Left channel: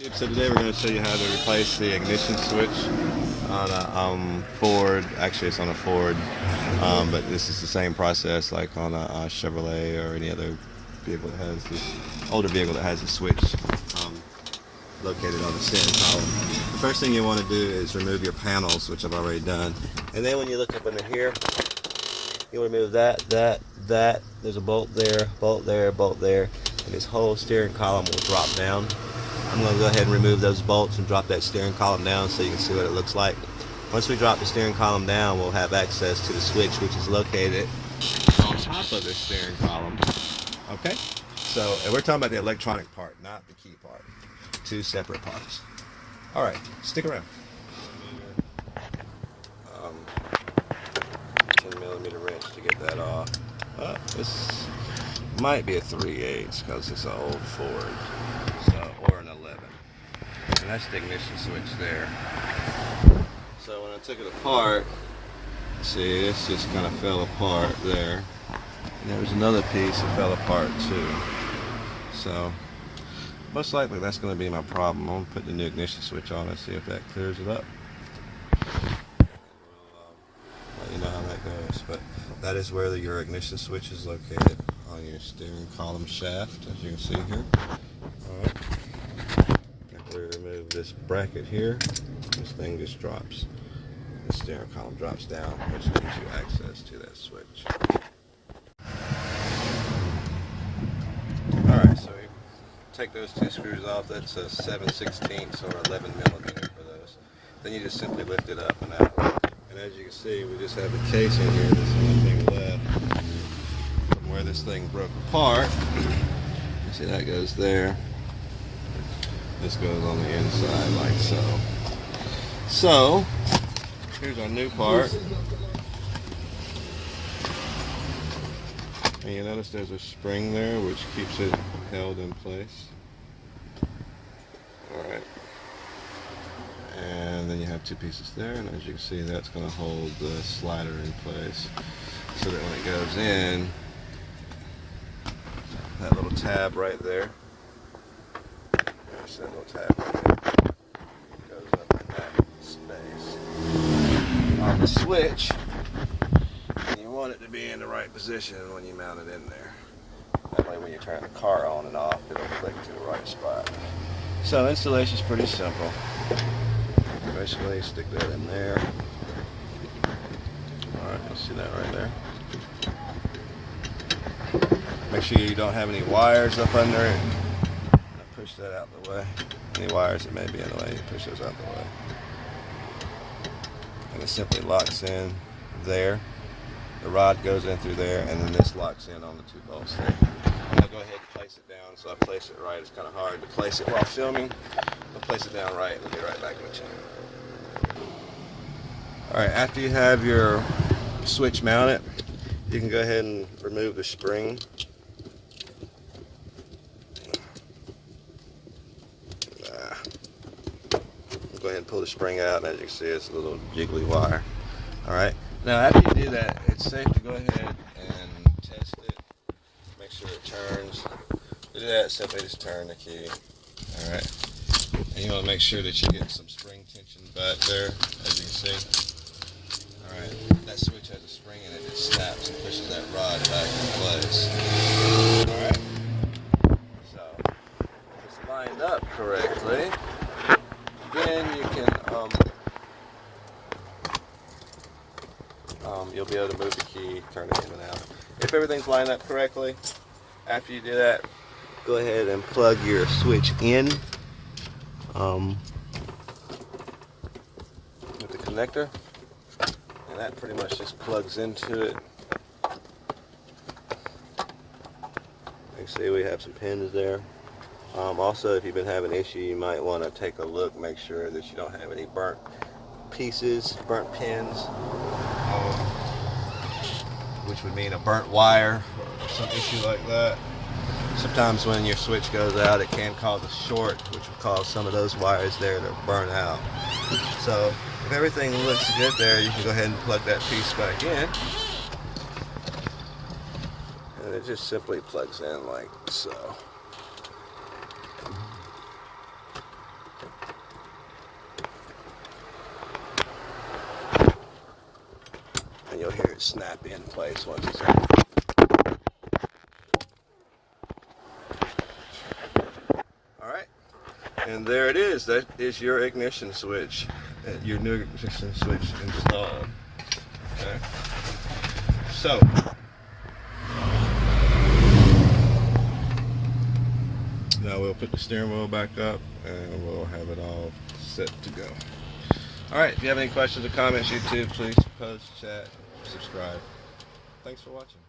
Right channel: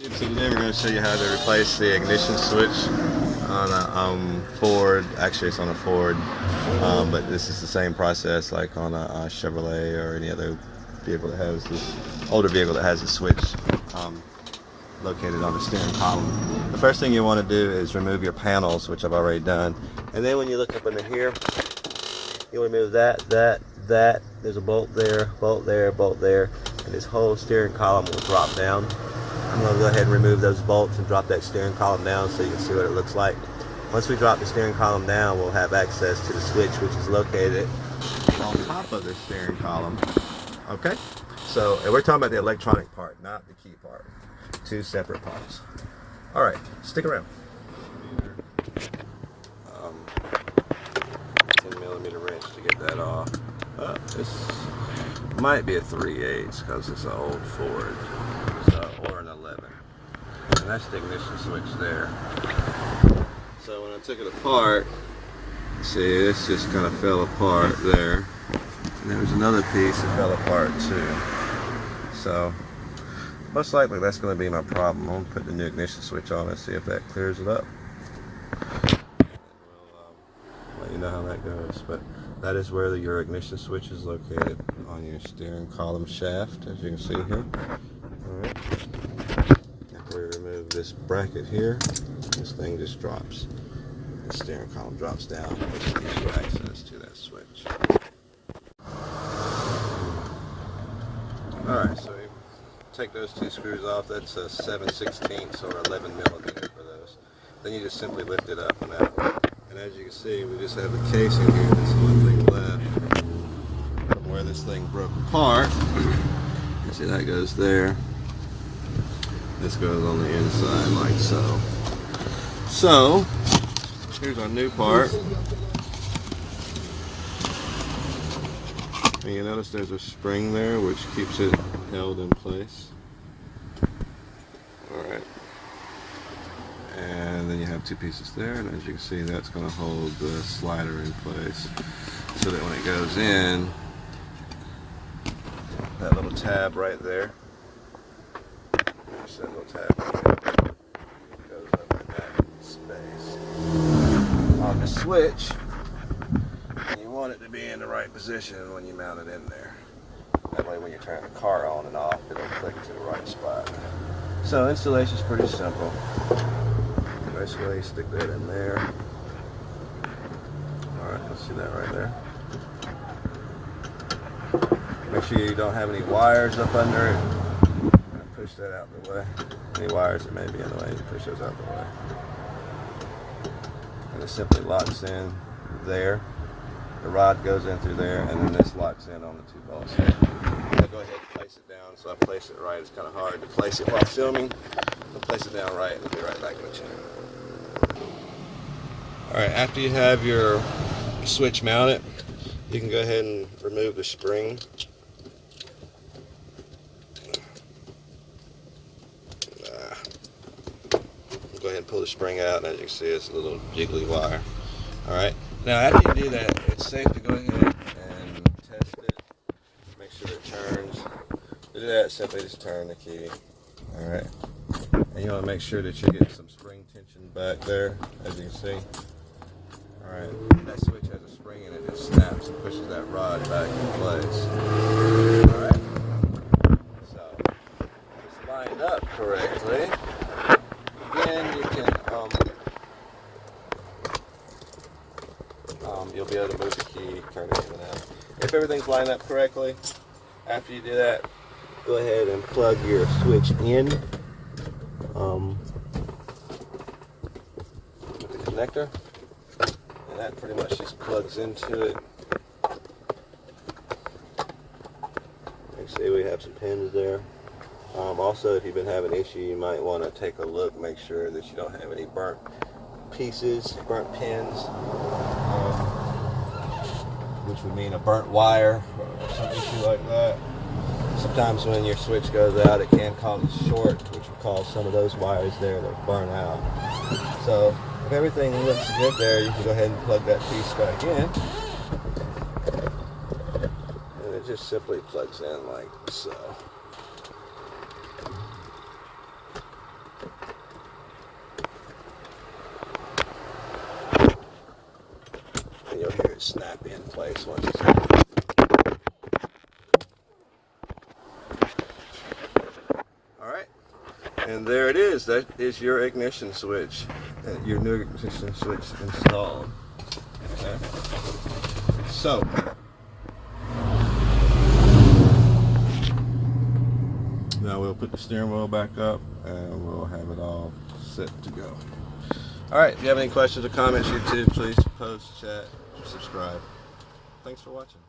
So today we're going to show you how to replace the ignition switch on a Ford. Actually, it's on a Ford, but this is the same process like on a Chevrolet or any other vehicle that has this older vehicle that has a switch located on the steering column. The first thing you want to do is remove your panels, which I've already done, and then when you look up into here, you'll remove that. There's a bolt there, bolt there, bolt there, and this whole steering column will drop down. I'm going to go ahead and remove those bolts and drop that steering column down so you can see what it looks like. Once we drop the steering column down, we'll have access to the switch, which is located on top of the steering column. Okay? So, and we're talking about the electronic part, not the key part. Two separate parts. Alright, stick around. 10mm wrench to get that off. This might be a 3/8 because it's an old Ford. So, or an 11. And that's the ignition switch there. So when I took it apart, see, this just kind of fell apart there. And there was another piece that fell apart too. So most likely that's going to be my problem. I'm going to put the new ignition switch on and see if that clears it up. And we'll let you know how that goes. But that is where your ignition switch is located, on your steering column shaft, as you can see here. Alright. After we remove this bracket here, this thing just drops. The steering column drops down, which gives you access to that switch. Alright, so you take those two screws off. That's a 7/16 or 11mm for those. Then you just simply lift it up and out. And as you can see, we just have the casing here. This is one thing left from where this thing broke apart. You see that goes there. This goes on the inside like so. So, here's our new part. And you notice there's a spring there which keeps it held in place. Alright. And then you have two pieces there, and as you can see, that's going to hold the slider in place so that when it goes in, that little tab right there, there's that little tab right there, goes up in that space on the switch, and you want it to be in the right position when you mount it in there. That way when you turn the car on and off, it'll click to the right spot. So installation is pretty simple. Basically stick that in there. Alright, let's see that right there. Make sure you don't have any wires up under it. Push that out the way. Any wires that may be in the way, push those out the way. And it simply locks in there. The rod goes in through there, and then this locks in on the two bolts there. I'll go ahead and place it down. So I place it right. It's kind of hard to place it while filming. I'll place it down right and we'll be right back in the chair. Alright, after you have your switch mounted, you can go ahead and remove the spring. Go ahead and pull the spring out, and as you can see, it's a little jiggly wire. Alright, now after you do that, it's safe to go ahead and test it. Make sure it turns. To do that, simply just turn the key. Alright. And you want to make sure that you get some spring tension back there, as you can see. Alright, that switch has a spring in it that snaps and pushes that rod back in place. Alright, so if it's lined up correctly, then you can, you'll be able to move the key, turn it in and out. If everything's lined up correctly, after you do that, go ahead and plug your switch in with the connector. And that pretty much just plugs into it. You can see we have some pins there. Also, if you've been having an issue, you might want to take a look, make sure that you don't have any burnt pieces, burnt pins, which would mean a burnt wire or some issue like that. Sometimes when your switch goes out, it can cause a short, which will cause some of those wires there to burn out. So if everything looks good there, you can go ahead and plug that piece back in. And it just simply plugs in like so. snap in place once it's in. Alright, and there it is. That is your ignition switch, your new ignition switch installed. Okay, so now we'll put the steering wheel back up and we'll have it all set to go. Alright, if you have any questions or comments, YouTube, please post, chat, subscribe. Thanks for watching.